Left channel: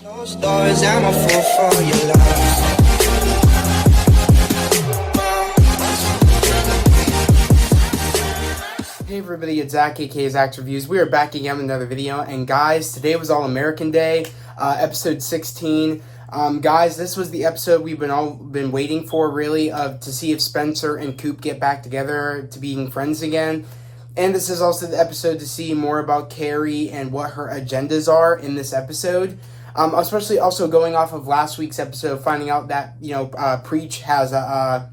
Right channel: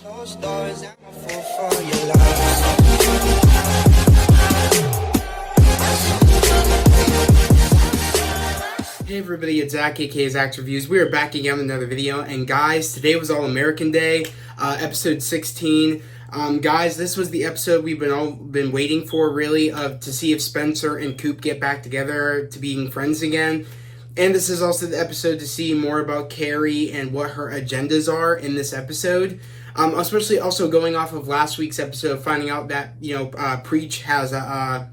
Closed doors, I'm a fool for your love. Hey everybody, it's Zach, aka Zach's Reviews. We are back again with another video, and guys, today was All-American Day, episode 16. Guys, this was the episode we've been waiting for, really, to see if Spencer and Coop get back together to being friends again. And this is also the episode to see more about Carrie and what her agendas are in this episode. Especially also going off of last week's episode, finding out that, Preach has a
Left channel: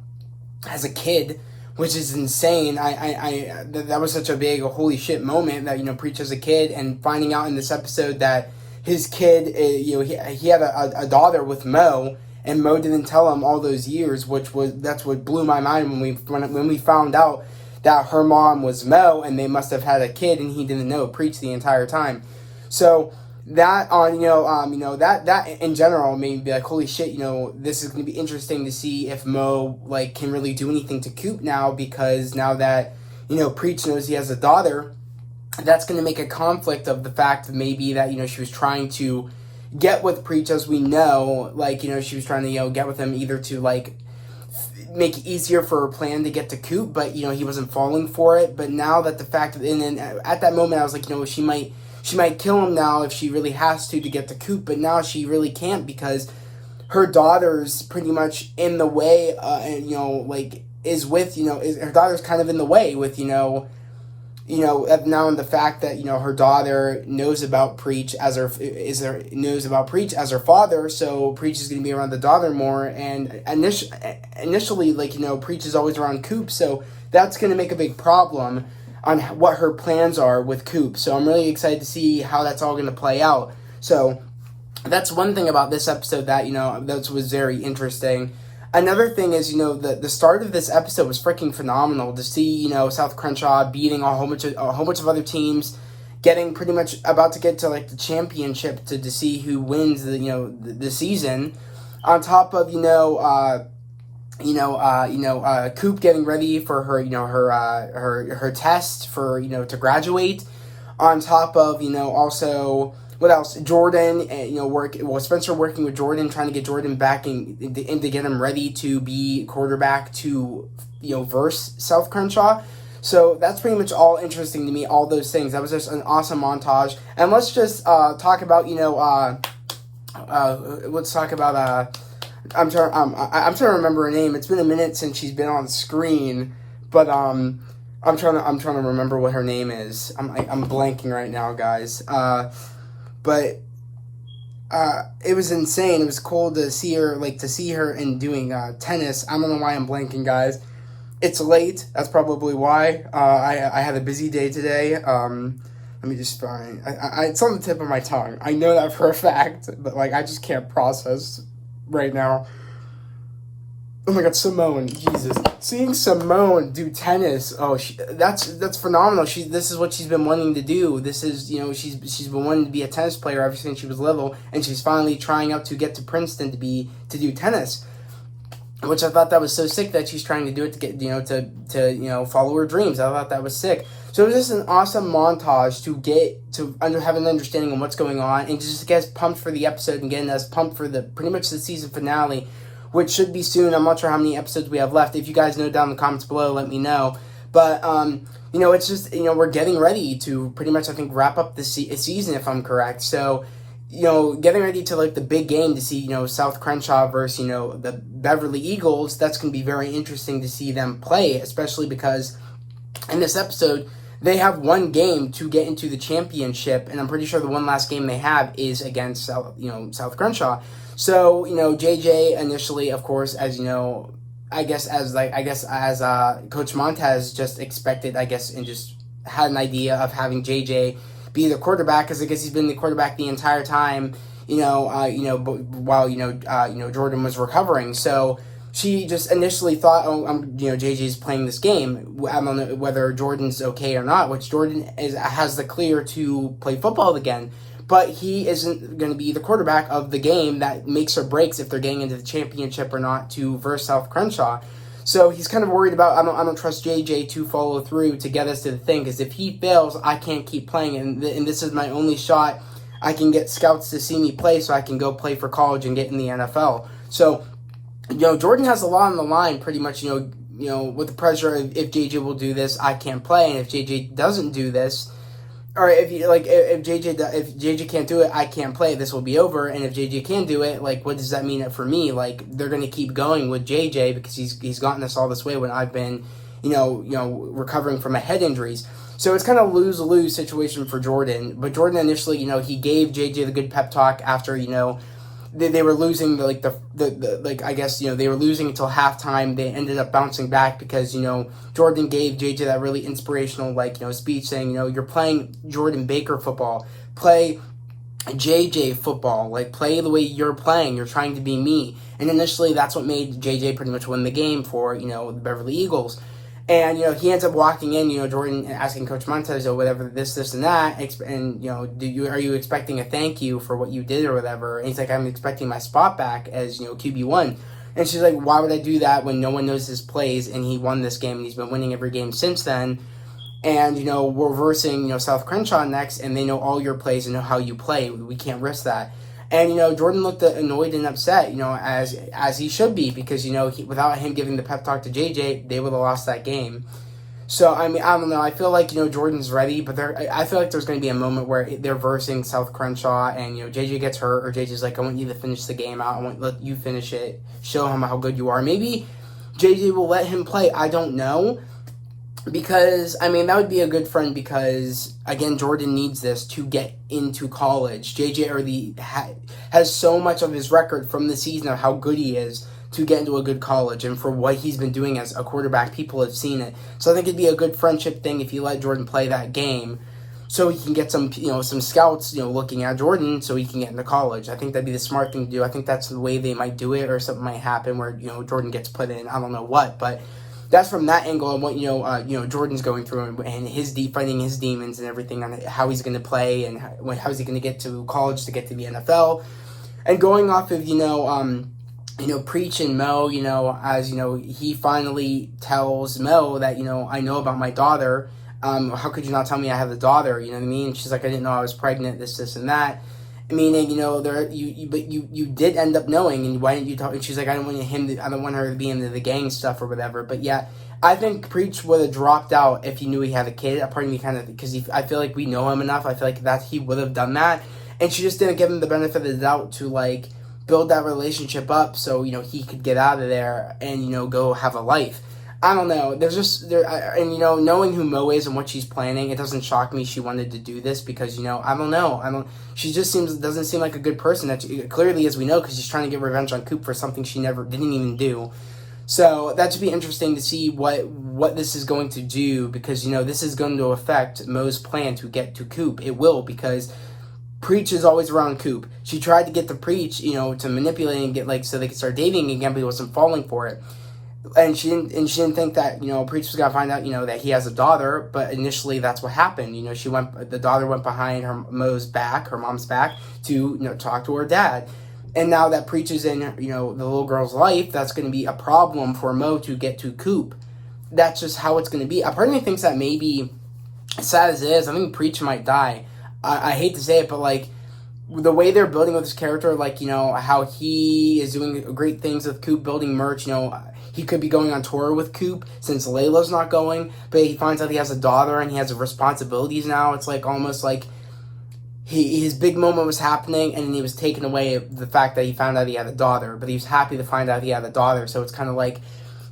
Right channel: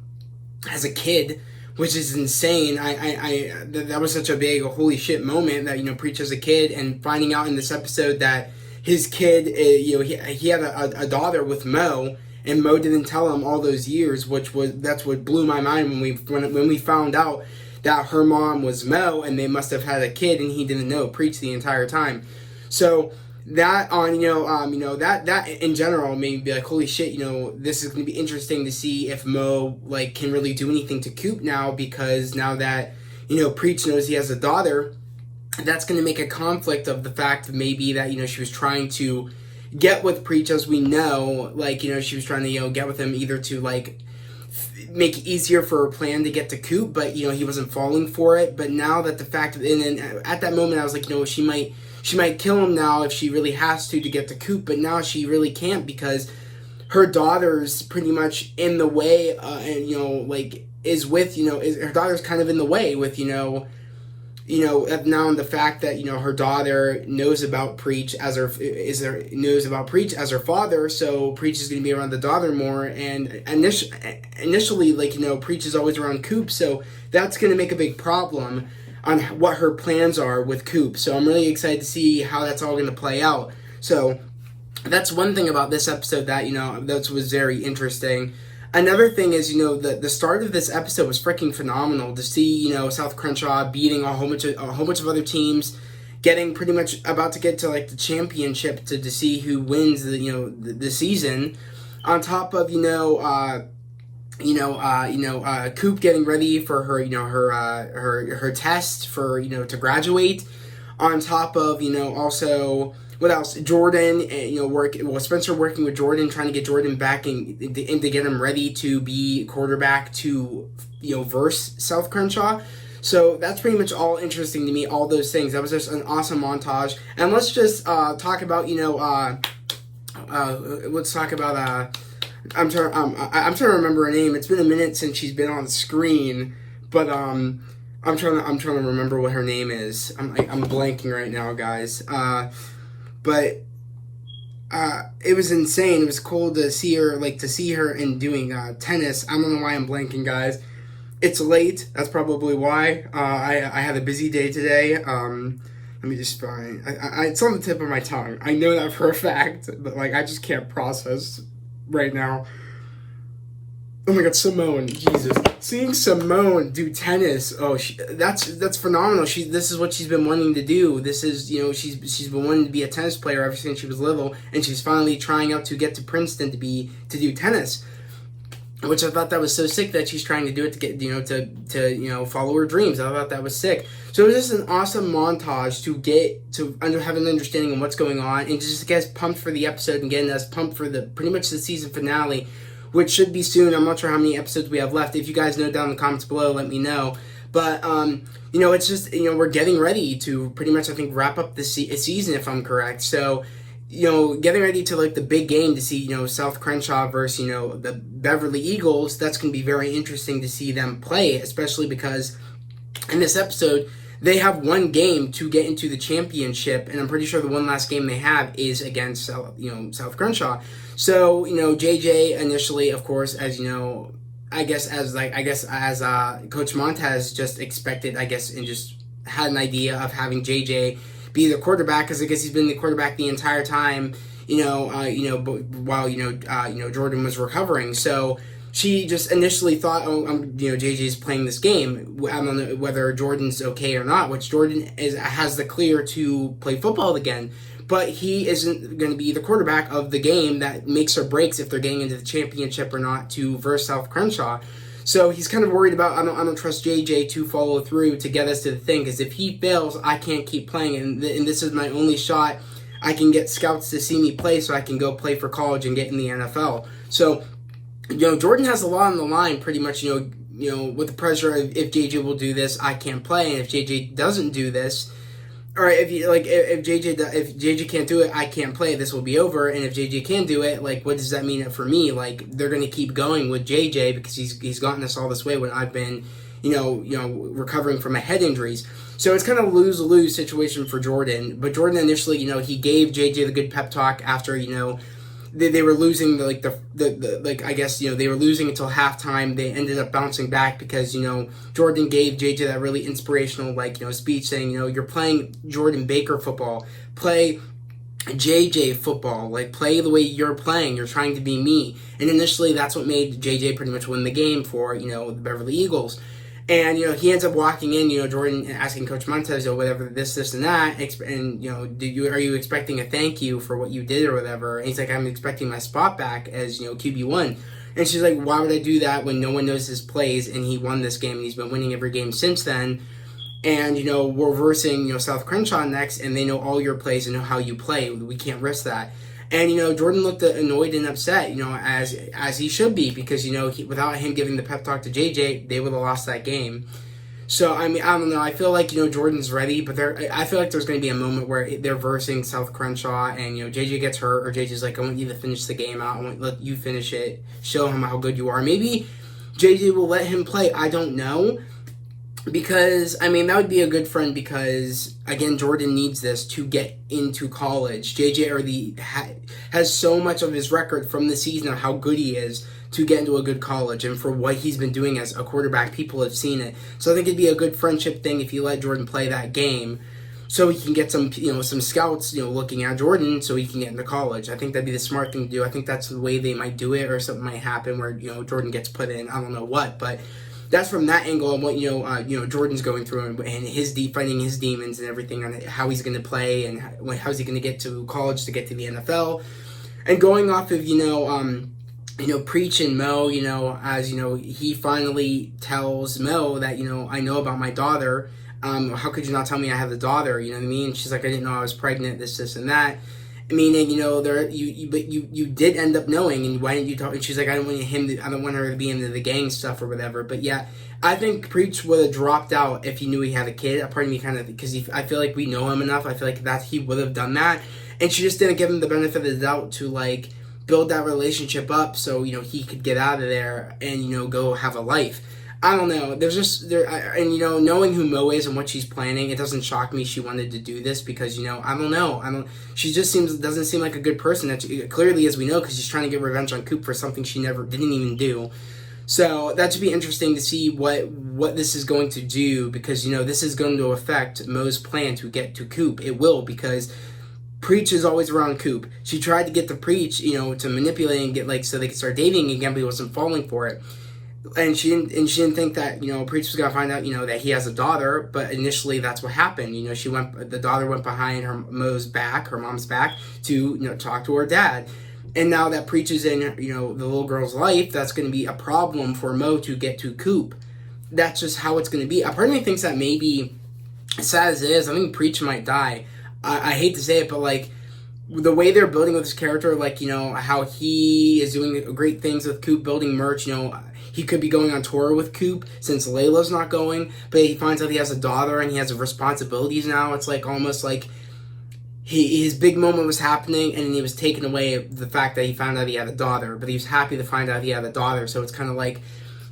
kid, which is insane. That was such a big holy shit moment that, Preach has a kid, and finding out in this episode that his kid, he had a daughter with Mo, and Mo didn't tell him all those years, that's what blew my mind when we found out that her mom was Mo, and they must have had a kid, and he didn't know Preach the entire time. So that that in general made me be like, holy shit, this is going to be interesting to see if Mo, can really do anything to Coop now, because now that, Preach knows he has a daughter, that's going to make a conflict of the fact that maybe that, she was trying to get with Preach, as we know, she was trying to, get with him either to, make it easier for her plan to get to Coop, but, he wasn't falling for it. But now that the fact, and then at that moment I was like, she might kill him now if she really has to get to Coop, but now she really can't, because her daughter's pretty much in the way, her daughter's kind of in the way with, now the fact that, her daughter knows about Preach as her father, so Preach is going to be around the daughter more, and initially, Preach is always around Coop, so that's going to make a big problem on what her plans are with Coop. So I'm really excited to see how that's all going to play out. So that's one thing about this episode that, that was very interesting. Another thing is, the start of this episode was freaking phenomenal to see, South Crenshaw beating a whole bunch of other teams, getting pretty much about to get to the championship to see who wins the season, on top of, Coop getting ready for her, her test for, to graduate, on top of, also, what else? Jordan, Spencer working with Jordan, trying to get Jordan back and to get him ready to be quarterback to, verse South Crenshaw. So that's pretty much all interesting to me, all those things. That was just an awesome montage. And let's just talk about, let's talk about, I'm trying to remember her name. It's been a minute since she's been on the screen, but I'm trying to remember what her name is. I'm blanking right now, guys. But it was insane. It was cool to see her, in doing tennis. I don't know why I'm blanking, guys. It's late. That's probably why. I had a busy day today. Let me just find. It's on the tip of my tongue. I know that for a fact, but I just can't process right now. Oh my god, Simone, Jesus. Seeing Simone do tennis, that's phenomenal. This is what she's been wanting to do. This is, she's been wanting to be a tennis player ever since she was little, and she's finally trying out to get to Princeton to do tennis. Which I thought that was so sick that she's trying to do it to get, to follow her dreams. I thought that was sick. So it was just an awesome montage to get to have an understanding of what's going on, and just get us pumped for the episode and getting us pumped for pretty much the season finale, which should be soon. I'm not sure how many episodes we have left. If you guys know down in the comments below, let me know. But, it's just, we're getting ready to pretty much, I think, wrap up the season, if I'm correct. So, getting ready to, the big game to see, South Crenshaw versus, the Beverly Eagles. That's going to be very interesting to see them play, especially because in this episode, they have one game to get into the championship, and I'm pretty sure the one last game they have is against, South Crenshaw. So, JJ initially, of course, as as Coach Montez just expected, and just had an idea of having JJ be the quarterback, because I guess he's been the quarterback the entire time, while Jordan was recovering. So she just initially thought, JJ's playing this game. I don't know whether Jordan's okay or not, which Jordan has the clear to play football again. But he isn't going to be the quarterback of the game that makes or breaks if they're getting into the championship or not to verse South Crenshaw. So he's kind of worried about, I don't trust JJ to follow through to get us to the thing, because if he fails, I can't keep playing, and this is my only shot I can get scouts to see me play so I can go play for college and get in the NFL. So, Jordan has a lot on the line pretty much, with the pressure of if JJ will do this, I can't play. And if JJ doesn't do this, or if JJ can't do it, I can't play. This will be over. And if JJ can do it, like, what does that mean for me? Like, they're going to keep going with JJ because he's gotten us all this way when I've been, recovering from my head injuries. So it's kind of lose-lose situation for Jordan. But Jordan initially, he gave JJ the good pep talk after, they were losing, they were losing until halftime. They ended up bouncing back because, Jordan gave JJ that really inspirational, speech saying, you're playing Jordan Baker football. Play JJ football. Play the way you're playing. You're trying to be me. And initially, that's what made JJ pretty much win the game for, the Beverly Eagles. And, he ends up walking in, Jordan asking Coach Montez, whatever, this, and that. And, are you expecting a thank you for what you did or whatever? And he's like, I'm expecting my spot back as, QB1. And she's like, why would I do that when no one knows his plays and he won this game and he's been winning every game since then? And, we're versing, South Crenshaw next and they know all your plays and know how you play. We can't risk that. And, Jordan looked annoyed and upset, as he should be, because, without him giving the pep talk to JJ, they would have lost that game. So, I don't know. I feel like, Jordan's ready, but I feel like there's going to be a moment where they're versing South Crenshaw and, JJ gets hurt, or JJ's like, I want you to finish the game out. I want to let you finish it. Show him how good you are. Maybe JJ will let him play. I don't know. Because, that would be a good friend because, again, Jordan needs this to get into college. JJ already has so much of his record from the season of how good he is to get into a good college. And for what he's been doing as a quarterback, people have seen it. So I think it'd be a good friendship thing if you let Jordan play that game so he can get some scouts, looking at Jordan so he can get into college. I think that'd be the smart thing to do. I think that's the way they might do it, or something might happen where, Jordan gets put in. I don't know what, but that's from that angle and what Jordan's going through and his fighting his demons and everything on how he's going to play and how's he going to get to college to get to the NFL, and going off of Preach and Mo, as he finally tells Mo that I know about my daughter. How could you not tell me I have a daughter? You know what I mean? She's like, I didn't know I was pregnant. This, and that. Meaning, you did end up knowing, and why didn't you talk? And she's like, I don't want her to be into the gang stuff or whatever. But yeah, I think Preach would have dropped out if he knew he had a kid. A part of me because I feel like we know him enough. I feel like that he would have done that, and she just didn't give him the benefit of the doubt to build that relationship up so he could get out of there and go have a life. I don't know. Knowing who Mo is and what she's planning, it doesn't shock me she wanted to do this because, I don't know. She just doesn't seem like a good person. Clearly, as we know, because she's trying to get revenge on Coop for something she didn't even do. So that should be interesting to see what this is going to do because, this is going to affect Mo's plan to get to Coop. It will, because Preach is always around Coop. She tried to get the Preach, to manipulate and get so they could start dating again, but he wasn't falling for it. And she didn't think that Preach was gonna find out that he has a daughter, but initially that's what happened. The daughter went behind her mom's back to talk to her dad, and now that Preach is in the little girl's life, that's going to be a problem for Mo to get to Coop. That's just how it's going to be. A part of me thinks that maybe, sad as it is, I think Preach might die. I hate to say it, but the way they're building with this character, how he is doing great things with Coop, building merch, he could be going on tour with Coop since Layla's not going, but he finds out he has a daughter and he has responsibilities now. It's almost like his big moment was happening and he was taken away the fact that he found out he had a daughter, but he was happy to find out he had a daughter. So it's kind of like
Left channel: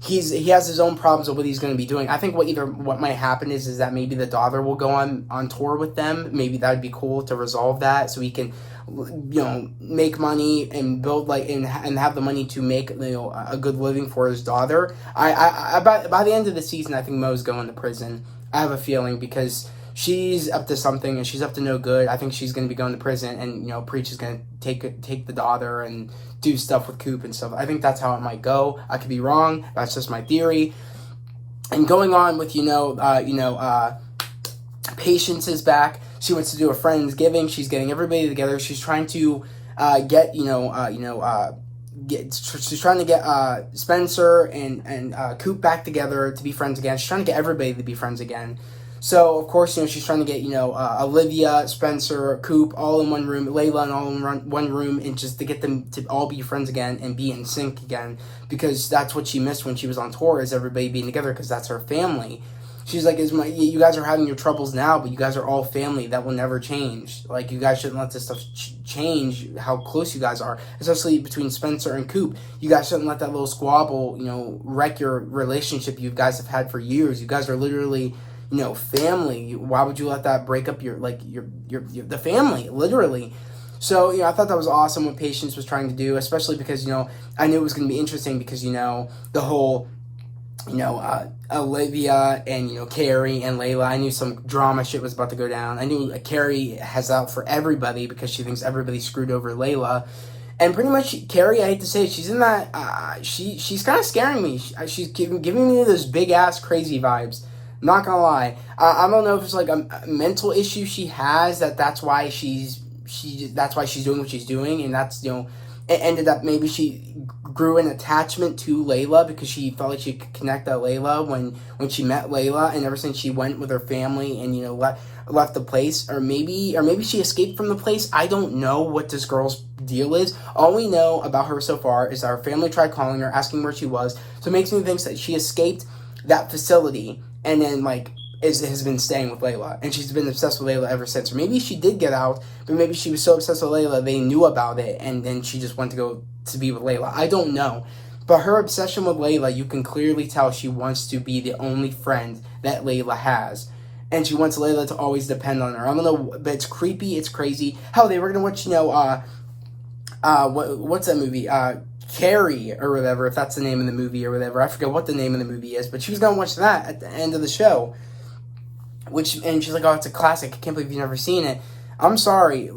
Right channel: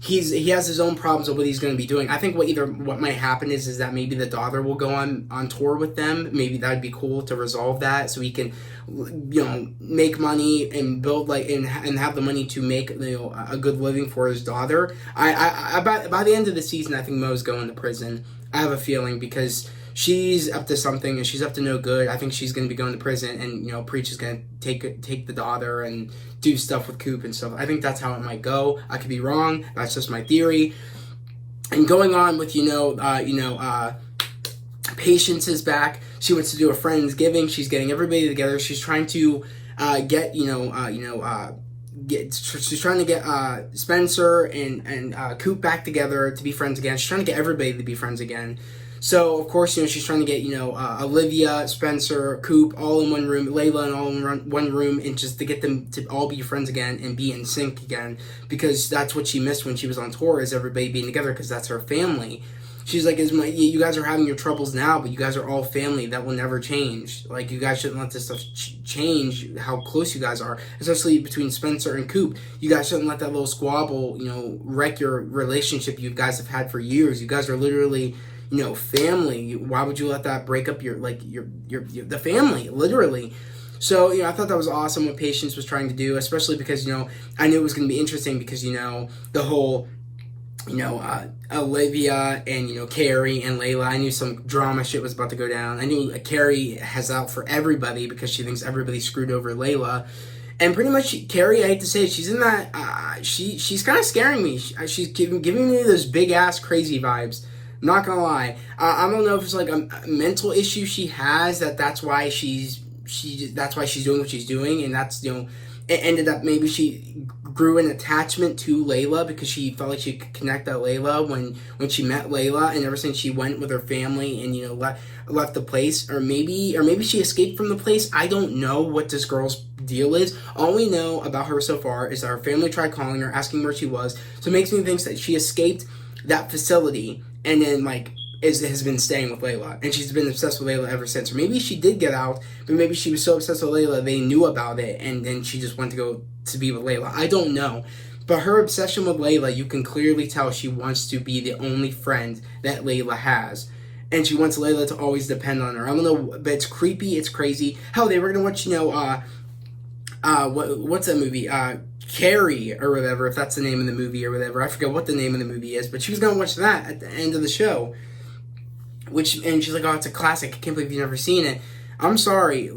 he has his own problems with what he's going to be doing. I think what might happen is that maybe the daughter will go on tour with them. Maybe that would be cool to resolve that so he can make money and build and have the money to make a good living for his daughter. I by the end of the season, I think Mo's going to prison. I have a feeling because she's up to something and she's up to no good. I think she's going to be going to prison, and Preach is going to take the daughter and do stuff with Coop and stuff. I think that's how it might go. I could be wrong. That's just my theory. And going on with Patience is back. She wants to do a Friendsgiving. She's getting everybody together. She's trying to she's trying to get Spencer and Coop back together to be friends again. She's trying to get everybody to be friends again. So, of course, she's trying to get, Olivia, Spencer, Coop all in one room, Layla in all in one room, and just to get them to all be friends again and be in sync again, because that's what she missed when she was on tour, is everybody being together, because that's her family. She's like, you guys are having your troubles now, but you guys are all family. That will never change. Like, you guys shouldn't let this stuff change how close you guys are, especially between Spencer and Coop. You guys shouldn't let that little squabble, wreck your relationship you guys have had for years. You guys are literally, family. Why would you let that break up your the family, literally? So, I thought that was awesome what Patience was trying to do, especially because, I knew it was going to be interesting because, the whole, Olivia and, Carrie and Layla. I knew some drama shit was about to go down. I knew Carrie has out for everybody because she thinks everybody screwed over Layla. And pretty much, Carrie, I hate to say it, she's in that, she's kind of scaring me. She's giving me those big-ass crazy vibes. Not gonna lie. I don't know if it's like a mental issue she has, that's why she's doing what she's doing, and that's, it ended up, maybe she grew an attachment to Layla because she felt like she could connect that Layla when she met Layla, and ever since she went with her family and left the place, or maybe she escaped from the place. I don't know what this girl's deal is. All we know about her so far is that her family tried calling her, asking where she was. So it makes me think that she escaped that facility and then has been staying with Layla, and she's been obsessed with Layla ever since. Or maybe she did get out, but maybe she was so obsessed with Layla they knew about it, and then she just went to go to be with Layla. I don't know, but her obsession with Layla, you can clearly tell she wants to be the only friend that Layla has, and she wants Layla to always depend on her. I don't know, but it's creepy, it's crazy. Hell, they were gonna watch, what's that movie? Carrie or whatever, if that's the name of the movie or whatever. I forget what the name of the movie is, but she was gonna watch that at the end of the show. And she's like, oh, it's a classic. I can't believe you've never seen it. I'm sorry.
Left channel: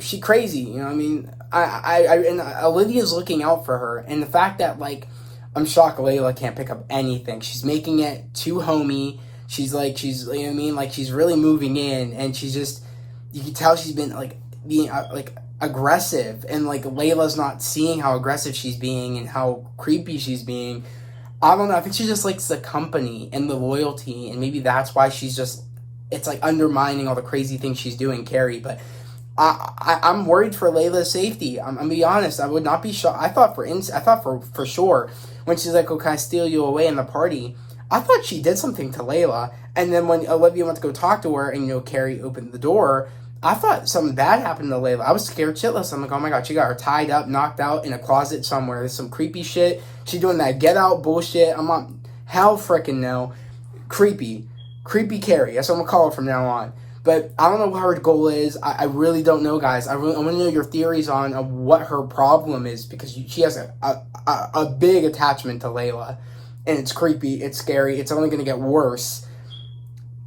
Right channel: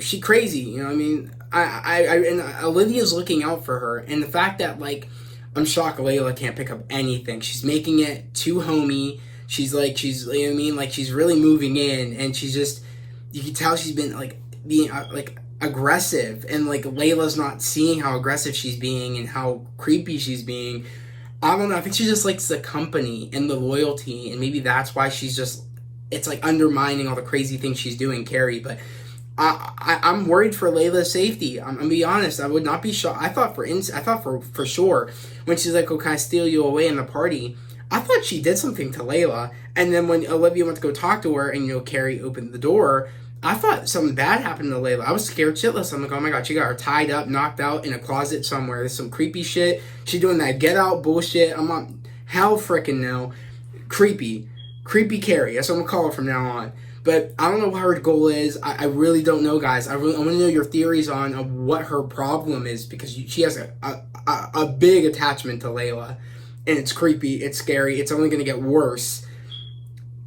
She crazy. I mean, and Olivia's looking out for her. And the fact that, I'm shocked Layla can't pick up anything. She's making it too homey. She's really moving in. And she's just, you can tell she's been, being, aggressive. And, Layla's not seeing how aggressive she's being and how creepy she's being. I don't know. I think she just likes the company and the loyalty, and maybe that's why she's just, it's undermining all the crazy things she's doing, Carrie. But I'm worried for Layla's safety. I'm gonna be honest. I would not be shocked. I thought for sure when she's like, "Oh, can I steal you away in the party?" I thought she did something to Layla, and then when Olivia went to go talk to her, and Carrie opened the door, I thought something bad happened to Layla. I was scared shitless. I'm like, oh my god, she got her tied up, knocked out in a closet somewhere. There's some creepy shit. She doing that get out bullshit. I'm on hell frickin' no. Creepy. Creepy Carrie. That's what I'm gonna call her from now on. But I don't know what her goal is. I really don't know, guys. I want to know your theories on what her problem is, because she has a big attachment to Layla. And it's creepy. It's scary. It's only gonna get worse.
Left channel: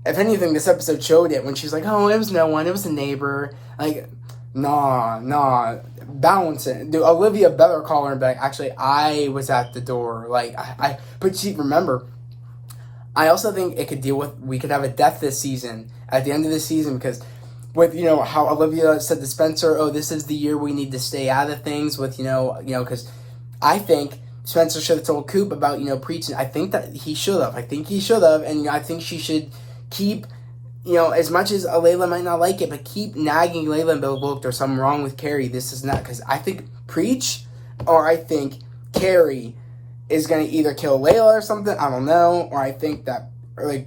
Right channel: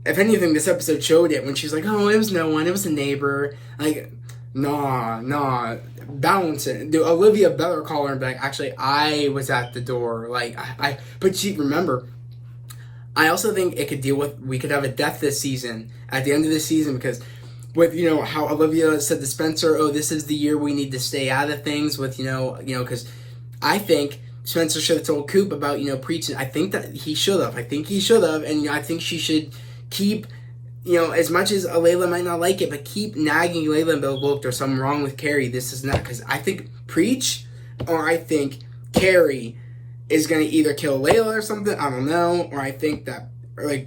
If anything, this episode showed it when she's like, oh, it was no one, it was a neighbor. Nah, balance it. Dude, Olivia better call her and be like, actually, I was at the door. But remember, I also think we could have a death this season, at the end of this season, because with, how Olivia said to Spencer, oh, this is the year we need to stay out of things with, because I think Spencer should have told Coop about, preaching. I think that he should have. And I think she should keep, as much as Layla might not like it, but keep nagging Layla and be like, look, there's something wrong with Carrie. This is not, because I think preach, or I think Carrie is going to either kill Layla or something, I don't know, or I think that,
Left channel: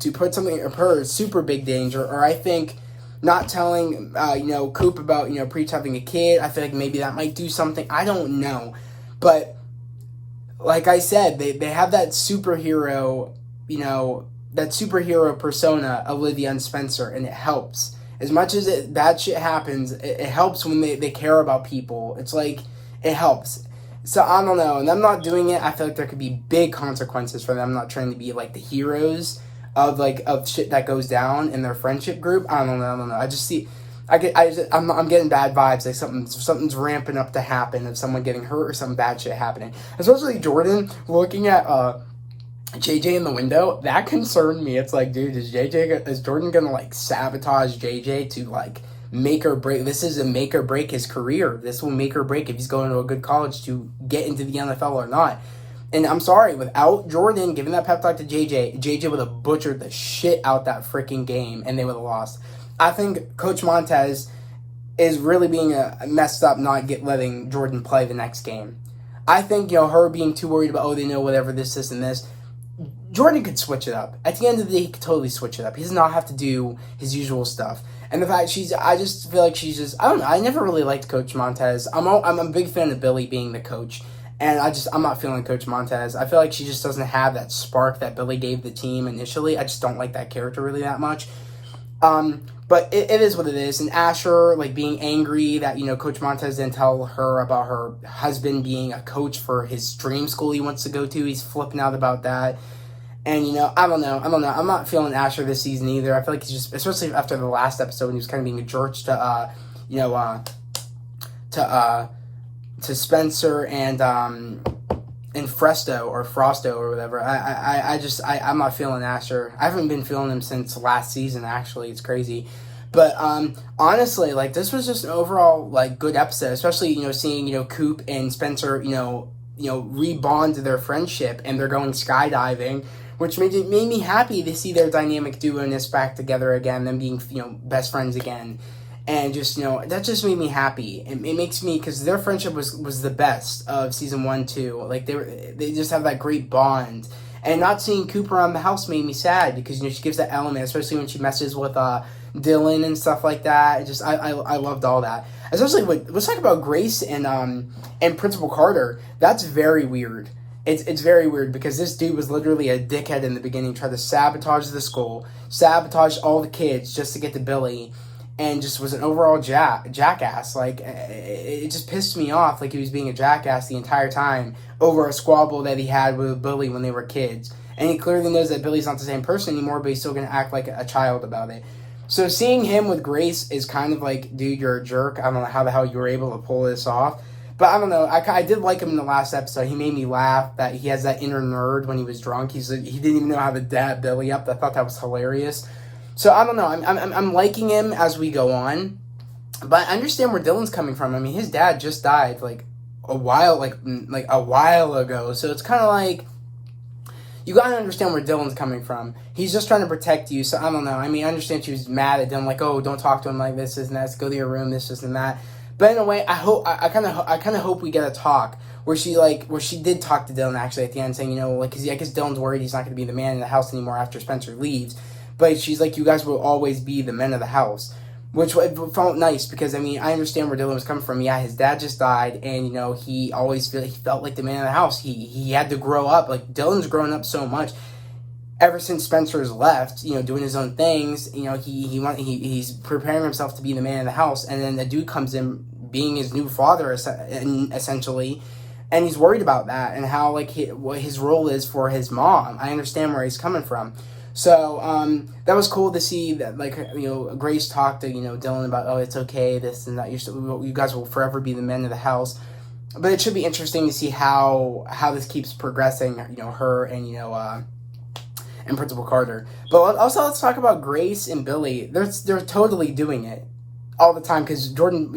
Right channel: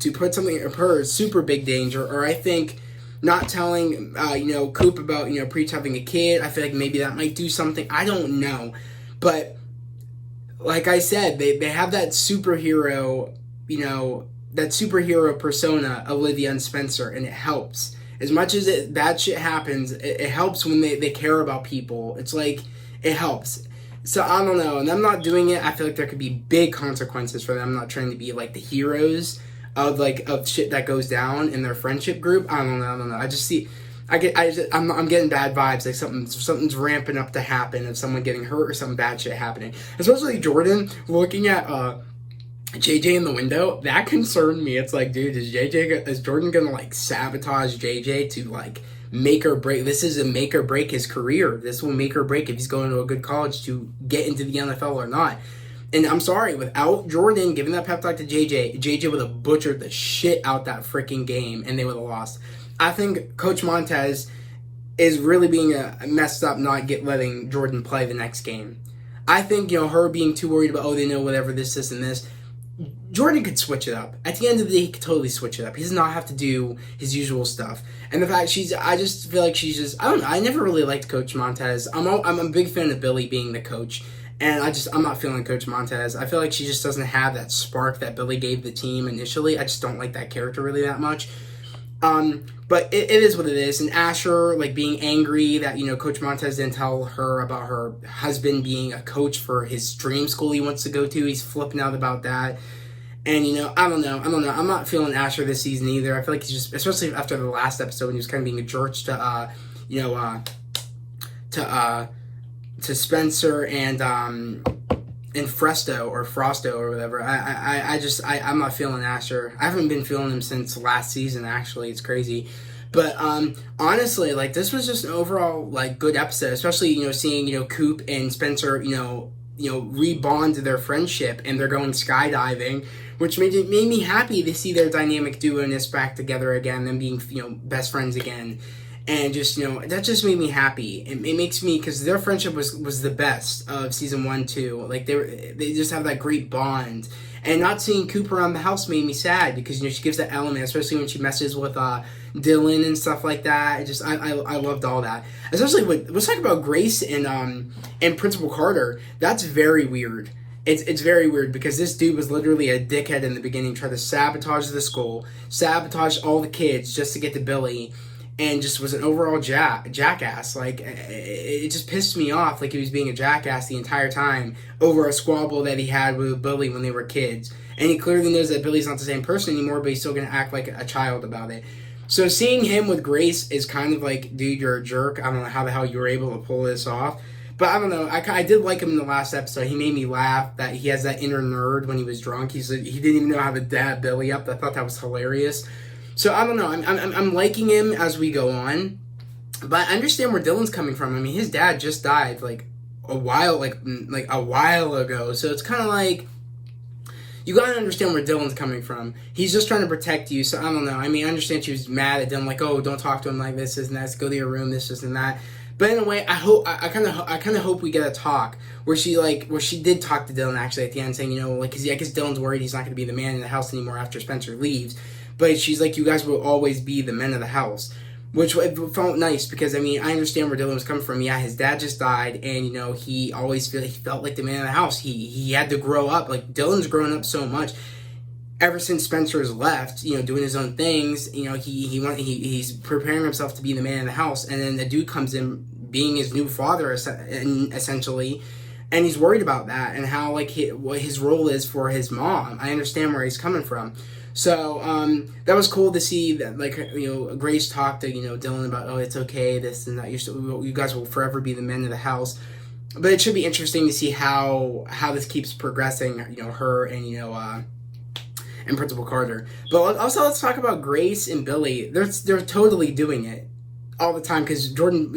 to put something of her in super big danger, or I think not telling, Coop about, Preach having a kid, I feel like maybe that might do something, I don't know, but, like I said, they have that superhero, that superhero persona, Olivia and Spencer, and it helps. As much as that shit happens, it helps when they care about people. It's it helps. So, I don't know. And them not doing it, I feel like there could be big consequences for them not trying to be, the heroes of shit that goes down in their friendship group. I don't know. I just see... I'm getting bad vibes, something's ramping up to happen, of someone getting hurt or some bad shit happening. Especially Jordan looking at JJ in the window, that concerned me. It's dude, is Jordan gonna sabotage JJ to make or break? This is a make or break his career. This will make or break if he's going to a good college to get into the NFL or not. And I'm sorry, without Jordan giving that pep talk to JJ would have butchered the shit out that freaking game, and they would have lost. I think Coach Montez is really being messed up not letting Jordan play the next game. I think, her being too worried about, they know whatever this, and this. Jordan could switch it up. At the end of the day, he could totally switch it up. He does not have to do his usual stuff. And the fact I just feel like I don't know, I never really liked Coach Montez. I'm a big fan of Billy being the coach. And I'm not feeling Coach Montez. I feel like she just doesn't have that spark that Billy gave the team initially. I just don't like that character really that much. But it is what it is. And Asher, being angry that, Coach Montez didn't tell her about her husband being a coach for his dream school he wants to go to. He's flipping out about that. And, I don't know. I'm not feeling Asher this season either. I feel like he's just, especially after the last episode when he was kind of being a jerk to Spencer and Frosto or whatever. I'm not feeling Asher. I haven't been feeling him since last season, actually. It's crazy. But honestly, this was just an overall good episode, especially seeing Coop and Spencer rebond their friendship, and they're going skydiving, which made me happy to see their dynamic duo-ness back together again, them being best friends again. And just, that just made me happy. It makes me, because their friendship was the best of season 1, 2. They just have that great bond. And not seeing Cooper around the house made me sad, because, she gives that element, especially when she messes with Dylan and stuff like that. I loved all that. Especially let's talk about Grace and Principal Carter. That's very weird. It's very weird, because this dude was literally a dickhead in the beginning, tried to sabotage the school, sabotage all the kids just to get to Billy, and just was an overall jackass. It just pissed me off. He was being a jackass the entire time over a squabble that he had with Billy when they were kids. And he clearly knows that Billy's not the same person anymore, but he's still going to act like a child about it. So seeing him with Grace is kind of dude, you're a jerk. I don't know how the hell you were able to pull this off. But I don't know. I did like him in the last episode. He made me laugh that he has that inner nerd when he was drunk. He didn't even know how to dab Billy up. I thought that was hilarious. So I don't know. I'm liking him as we go on, but I understand where Dylan's coming from. I mean, his dad just died a while ago. So it's kind of you gotta understand where Dylan's coming from. He's just trying to protect you. So I don't know. I mean, I understand she was mad at Dylan, oh, don't talk to him like this and that. Go to your room, this and that. But in a way, I kind of hope we get a talk where she did talk to Dylan actually at the end, saying because I guess Dylan's worried he's not going to be the man in the house anymore after Spencer leaves. But she's you guys will always be the men of the house, which felt nice, because I mean I understand where Dylan was coming from. Yeah, his dad just died, and he felt like the man of the house. He had to grow up. Dylan's grown up so much ever since Spencer's left. Doing his own things. He's preparing himself to be the man of the house, and then the dude comes in being his new father essentially. And he's worried about that and how what his role is for his mom. I understand where he's coming from. So that was cool to see that Grace talked to Dylan about, it's okay, this and that, you guys will forever be the men of the house. But it should be interesting to see how this keeps progressing, her and and Principal Carter. But also let's talk about Grace and Billy. They're totally doing it all the time, because Jordan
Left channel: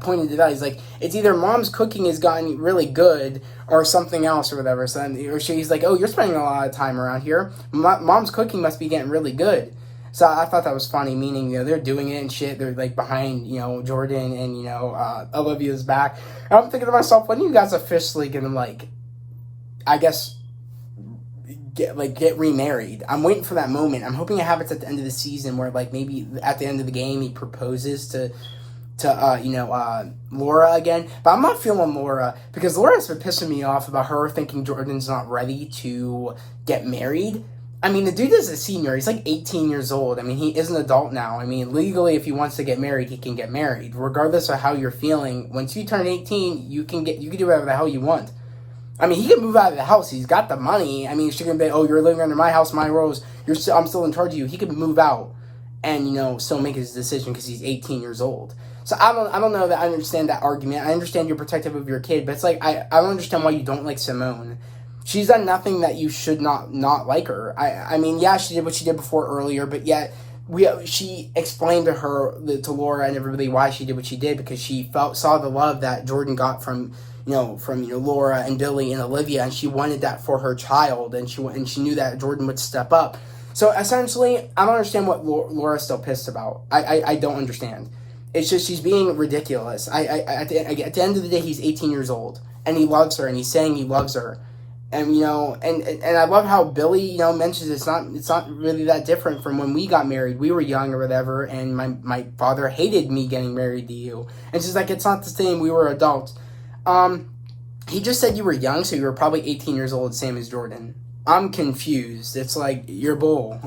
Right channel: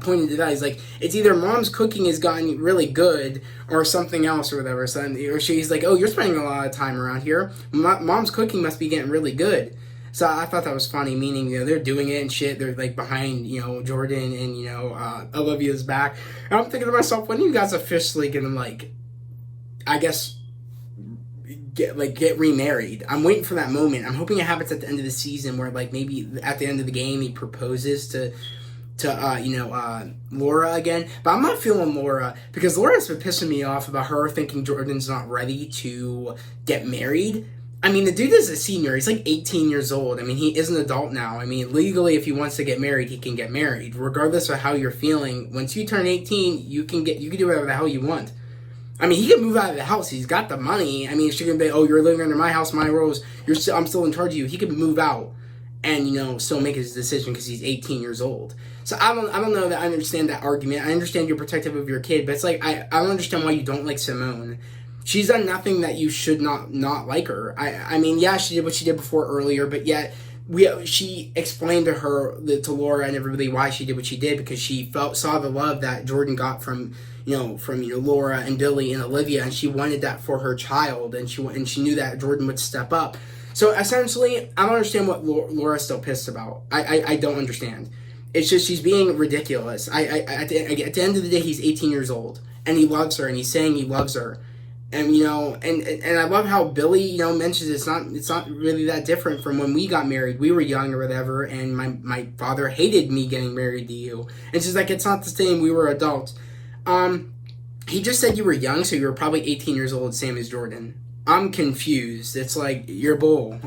pointed it out. He's it's either mom's cooking has gotten really good or something else or whatever. So or she's you're spending a lot of time around here. Mom's cooking must be getting really good. So I thought that was funny, meaning they're doing it and shit. They're behind Jordan and Olivia's back. And I'm thinking to myself, when are you guys officially gonna I guess get remarried? I'm waiting for that moment. I'm hoping it happens at the end of the season, where maybe at the end of the game he proposes to Laura again. But I'm not feeling Laura, because Laura's been pissing me off about her thinking Jordan's not ready to get married. I mean, the dude is a senior. He's 18 years old. I mean, he is an adult now. I mean, legally, if he wants to get married, he can get married. Regardless of how you're feeling, once you turn 18, you can do whatever the hell you want. I mean, he can move out of the house. He's got the money. I mean, she can be, you're living under my house, my rules. I'm still in charge of you. He can move out and, still make his decision, because he's 18 years old. So I don't know that I understand that argument. I understand you're protective of your kid, but it's I don't understand why you don't like Simone. She's done nothing that you should not like her. I mean, yeah, she did what she did before earlier, but yet she explained to Laura and everybody why she did what she did, because she saw the love that Jordan got from from Laura and Billy and Olivia, and she wanted that for her child, and she knew that Jordan would step up. So essentially, I don't understand what Laura's still pissed about. I don't understand. It's just she's being ridiculous. At the end of the day, he's 18 years old, and he loves her, and he's saying he loves her. And and I love how Billy mentions it's not really that different from when we got married. We were young or whatever, and my father hated me getting married to you. And she's like, it's not the same. We were adults. He just said you were young, so you were probably 18 years old, same as Jordan. I'm confused. It's like, you're bull.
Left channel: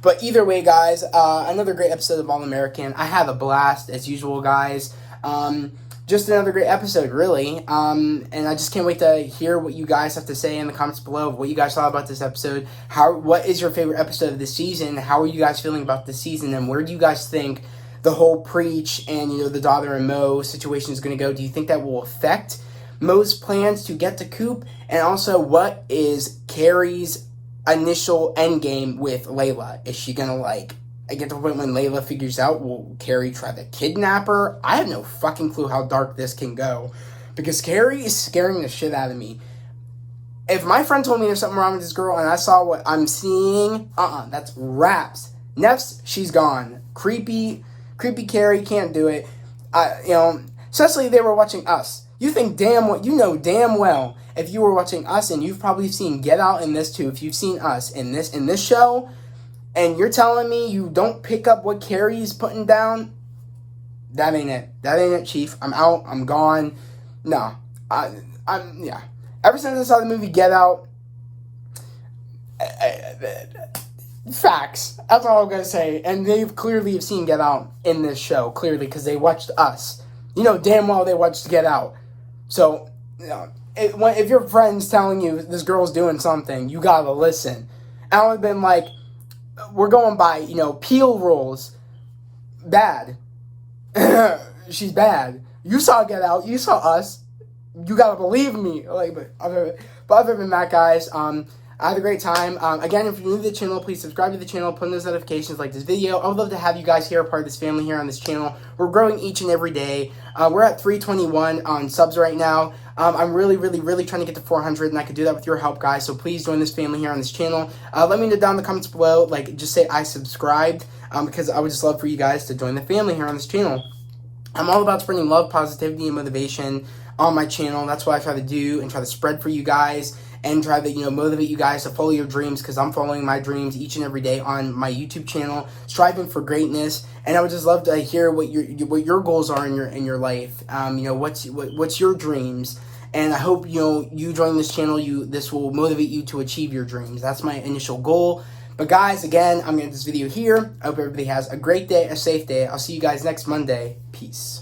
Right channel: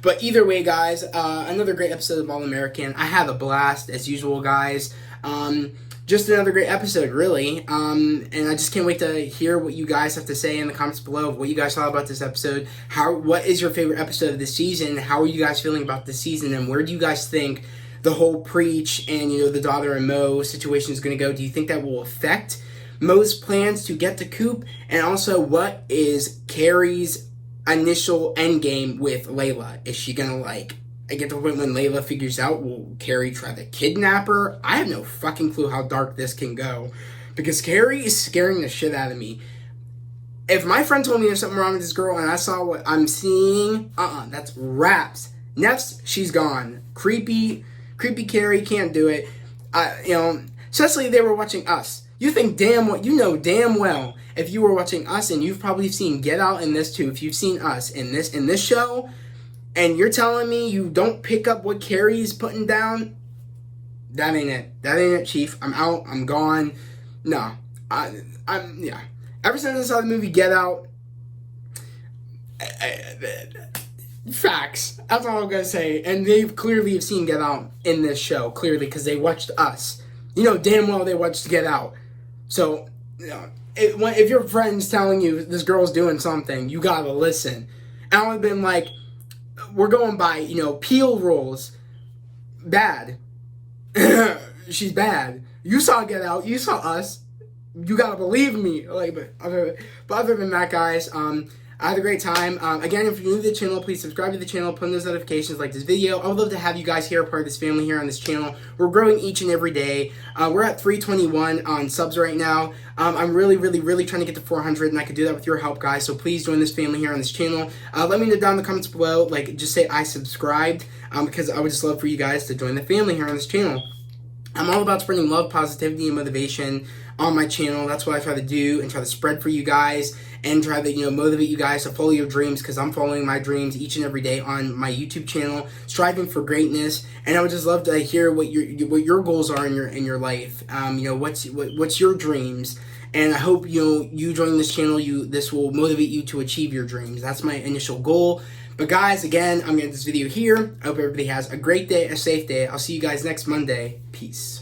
But either way, guys, another great episode of All American. I had a blast as usual, guys. Just another great episode, really. And I just can't wait to hear what you guys have to say in the comments below of what you guys thought about this episode. What is your favorite episode of the season? How are you guys feeling about the season? And where do you guys think the whole Preach and, the daughter and Mo situation is going to go? Do you think that will affect Mo's plans to get to Coop? And also, what is Carrie's initial endgame with Layla? Is she going to, I get to the point when Layla figures out, will Carrie try to kidnap her? I have no fucking clue how dark this can go. Because Carrie is scaring the shit out of me. If my friend told me there's something wrong with this girl and I saw what I'm seeing, that's raps. Neff's, she's gone. Creepy Carrie, can't do it. Especially they were watching Us. You know damn well, if you were watching Us, and you've probably seen Get Out in this too, if you've seen Us in this show, and you're telling me you don't pick up what Carrie's putting down, that ain't it. That ain't it, Chief. I'm out. I'm gone. No. Yeah. Ever since I saw the movie Get Out, facts. That's all I'm going to say. And they clearly have seen Get Out in this show, clearly, because they watched Us. Damn well they watched Get Out. So, if your friend's telling you this girl's doing something, you got to listen. And I would have been like, we're going by, Peel rules. Bad. She's bad. You saw Get Out. You saw Us. You gotta believe me. But other than that, guys, I had a great time. Again, if you're new to the channel, please subscribe to the channel, put on those notifications, like this video. I would love to have you guys here, part of this family here on this channel. We're growing each and every day. We're at 321 on subs right now. I'm really, really, really trying to get to 400, and I could do that with your help, guys. So please join this family here on this channel. Let me know down in the comments below, just say I subscribed, because I would just love for you guys to join the family here on this channel. I'm all about spreading love, positivity, and motivation on my channel. That's what I try to do and try to spread for you guys, and try to, motivate you guys to follow your dreams, because I'm following my dreams each and every day on my YouTube channel, striving for greatness. And I would just love to hear what your goals are in your life. What's your dreams? And I hope, you joining this channel, this will motivate you to achieve your dreams. That's my initial goal. But guys, again, I'm going to end this video here. I hope everybody has a great day, a safe day. I'll see you guys next Monday. Peace.